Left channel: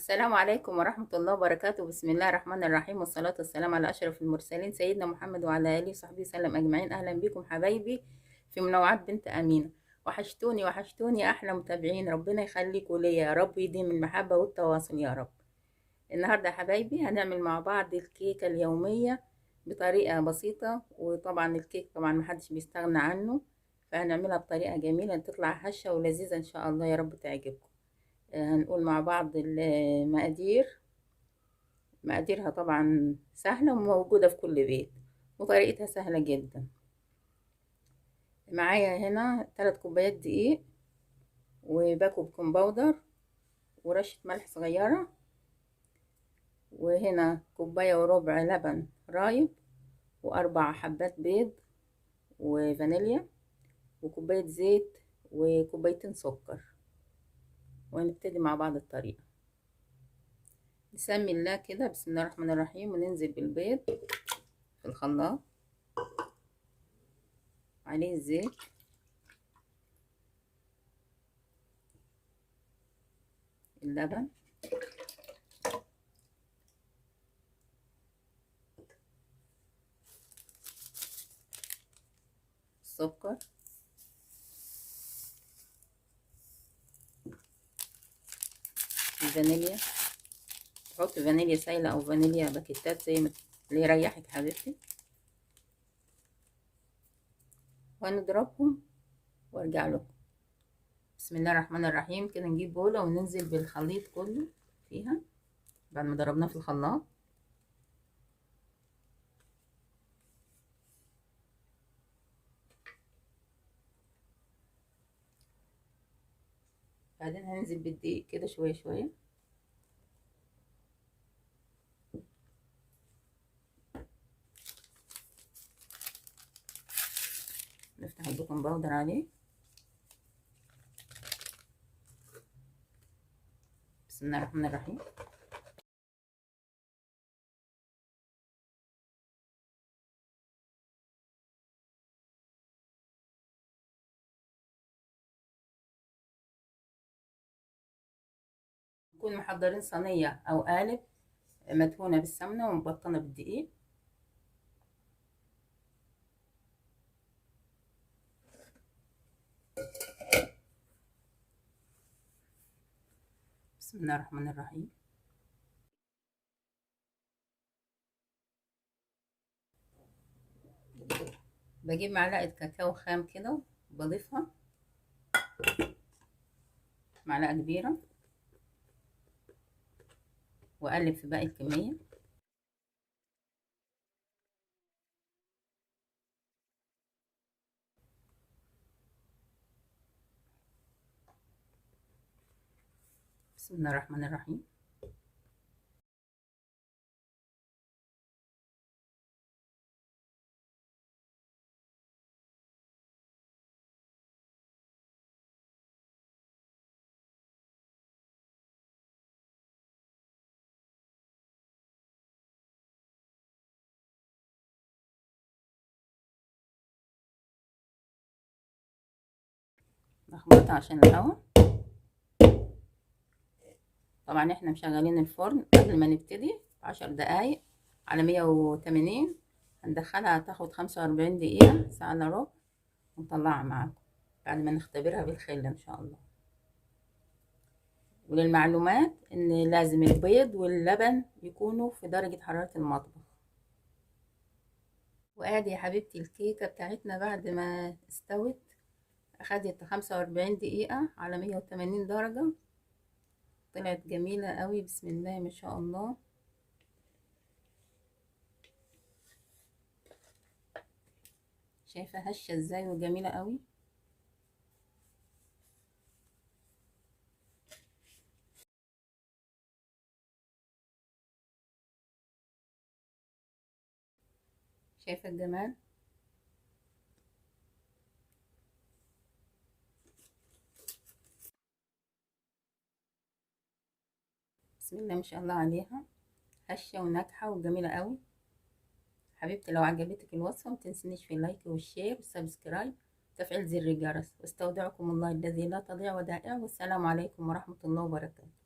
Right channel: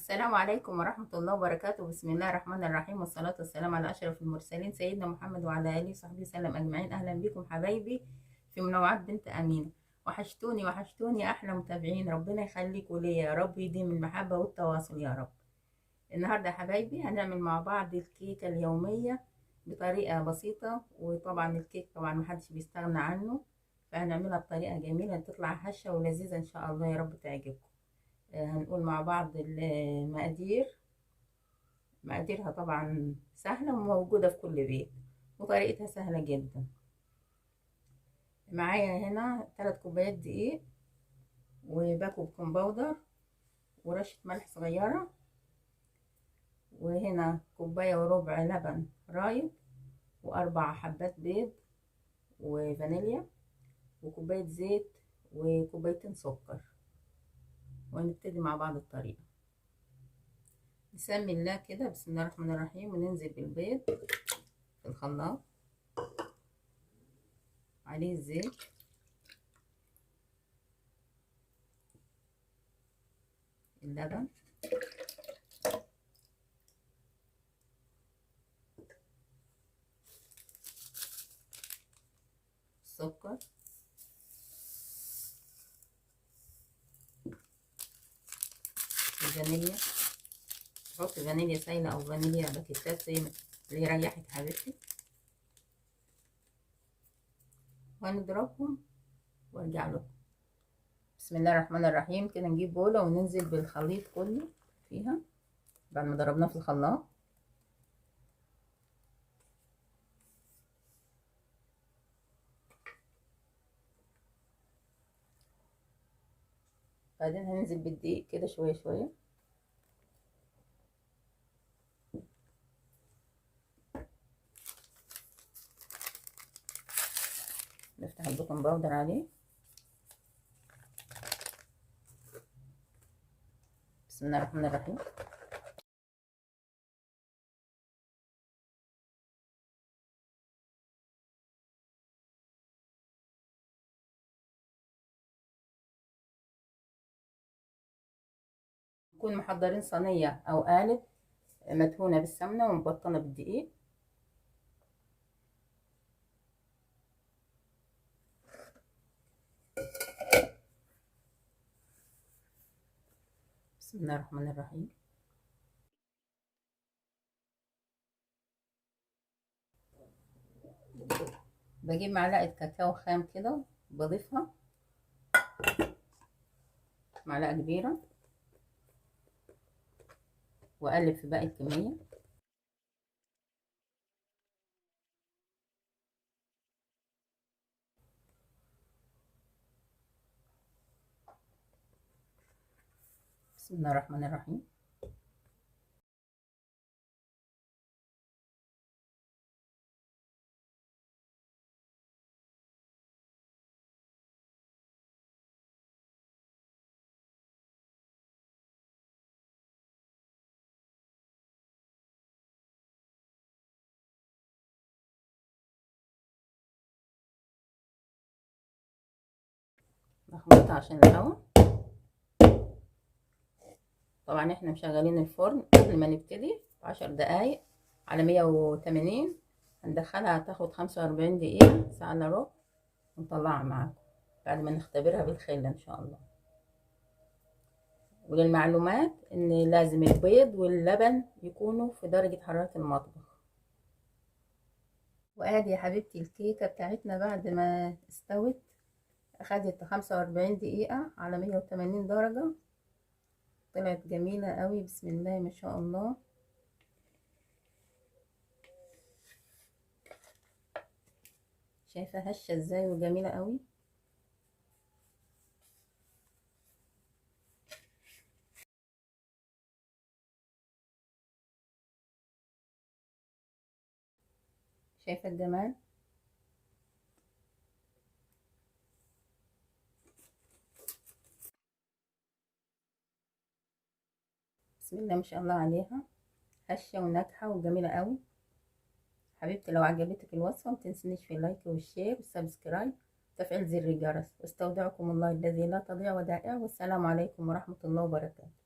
السلام عليكم ورحمة الله وبركاته. بسم الله الرحمن الرحيم، والصلاة والسلام على أشرف المرسلين سيدنا محمد وعلى آله وصحبه وسلم أجمعين. أهلا بكم حبايبي في منوعات بنت أمينة. وحشتوني وحشتوني أحلى متابعين، ربنا يخليكوا ليا يا رب، يديم المحبة والتواصل يا رب. النهاردة يا حبايبي هنعمل مع بعض الكيكة اليومية بطريقة بسيطة، وطبعا الكيك طبعا محدش بيستغنى عنه، فهنعملها بطريقة جميلة تطلع هشة ولذيذة إن شاء الله، يا رب تعجبكم. هنقول مع بعض المقادير. مقاديرها طبعا سهلة وموجودة في كل بيت، وطريقتها سهلة جدا. معايا هنا 3 كوبايات دقيق، وباكو بيكنج باودر، ورشة ملح صغيرة، وهنا كوباية وربع لبن رايب، و4 حبات بيض، وفانيليا، وكوباية زيت، وكوبايتين سكر. ونبتدي مع بعض الطريقة. نسمي الله كده، بسم الله الرحمن الرحيم، وننزل بالبيض في الخلاط، عليه الزيت، اللبن، السكر، الفانيليا. تحط فانيليا سايلة او فانيليا باكيتات زي ما اللي يريحك حبيبتي، وهنضربهم وارجع لكم. بسم الله الرحمن الرحيم. كده نجيب بولة وننزل بالخليط كله فيها بعد ما ضربناه في الخلاط. بعدين هننزل بالدقيق كده شوية شوية، نفتح البيكنج باودر عليه. بسم الله الرحمن الرحيم. نكون محضرين صينية او قالب مدهونة بالسمنة ومبطنة بالدقيق. بسم الله الرحمن الرحيم. بجيب معلقة كاكاو خام كده، بضيفها معلقة كبيرة، واقلب في باقي الكمية. بسم الله الرحمن الرحيم. نخلطها عشان الهواء. طبعا احنا مشغلين الفرن قبل ما نبتدي 10 دقايق على 180. هندخلها تاخد 45 دقيقة، ساعة الا ربع، ونطلعها معاكم بعد ما نختبرها بالخل ان شاء الله. وللمعلومات ان لازم البيض واللبن يكونوا في درجة حرارة المطبخ. وادي يا حبيبتي الكيكة بتاعتنا بعد ما استوت، اخدت 45 دقيقة على 180 درجة. طلعت جميلة قوي، بسم الله ما شاء الله. شايفة هشة ازاي وجميلة قوي. شايفة الجمال. بسم الله ما شاء الله عليها، هشة وناجحة وجميلة قوي. حبيبتي لو عجبتك الوصفة متنسنيش في اللايك والشير والسبسكرايب وتفعيل زر الجرس. واستودعكم الله الذي لا تضيع ودائعه، والسلام عليكم ورحمة الله وبركاته.